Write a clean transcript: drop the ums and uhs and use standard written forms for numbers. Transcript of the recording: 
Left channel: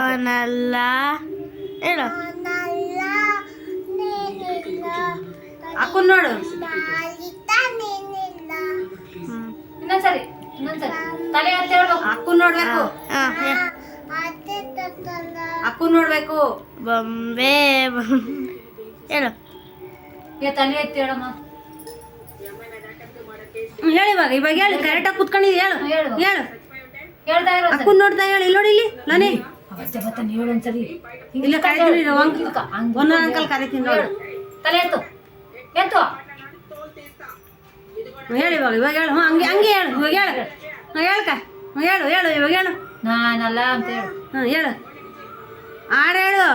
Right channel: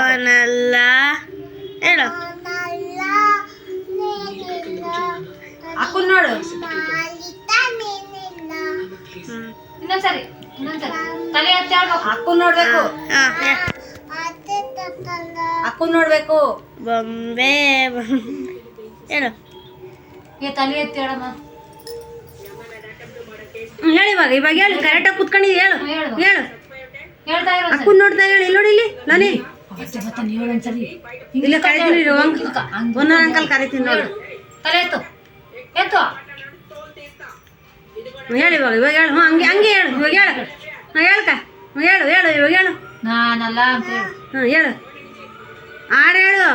ಅವನಲ್ಲ ಅವನಲ್ಲ ಹೇಳು ಹಾಕು ನೋಡು ಇನ್ನೊಂದ್ಸರಿ ತಲೆ ಎತ್ತಿ ಹೇಳ್ಬೇಕು. ಹಾಕು ನೋಡ್ಬೇಕು, ಹಾಕು ನೋಡ್ಬೇಕು. ಬೊಂಬೆ ಹೇಳು ತಲೆ ಎತ್ತಿ ಹೇಳಮ್ಮ. ಹೇಳಿ ಇವಾಗ ಹೇಳು ಕರೆಕ್ಟಾಗಿ ಕುತ್ಕೊಂಡಿದ್ದು ಹೇಳು ಹೇಳು ಹೇಳ್ತಾ ಇರೋ ಅಕ್ಕು ನೋಡ್ತಾ ಹೇಳು ಇಲ್ಲಿ ನೋಡಿ ಇಲ್ಲಿ ನಾನೇ ಒಂದ್ಸರಿ ಇಲ್ಲ ಕರಿತೀನಿ ಒಂದೊಂದು ಅಂಕಲ್ ಕರಿತೀನಿ ನೋಡು ತಲೆ ಎತ್ತು ಎತ್ತು ಹೇಳು ಇವಾಗ ಹೇಳು ಹಂಗೆ ಹಂಗೆ ಹೇಳು ಇವಾಗ ಹೇಳು ಹೇಳ್ಕ ಹೇಳು ಹೇಳು ಇವಾಗ ಹೇಳು ನಾನಲ್ಲ ಅಂತ ಹೇಳು ಹೇಳು ಆರು ಹೇಳು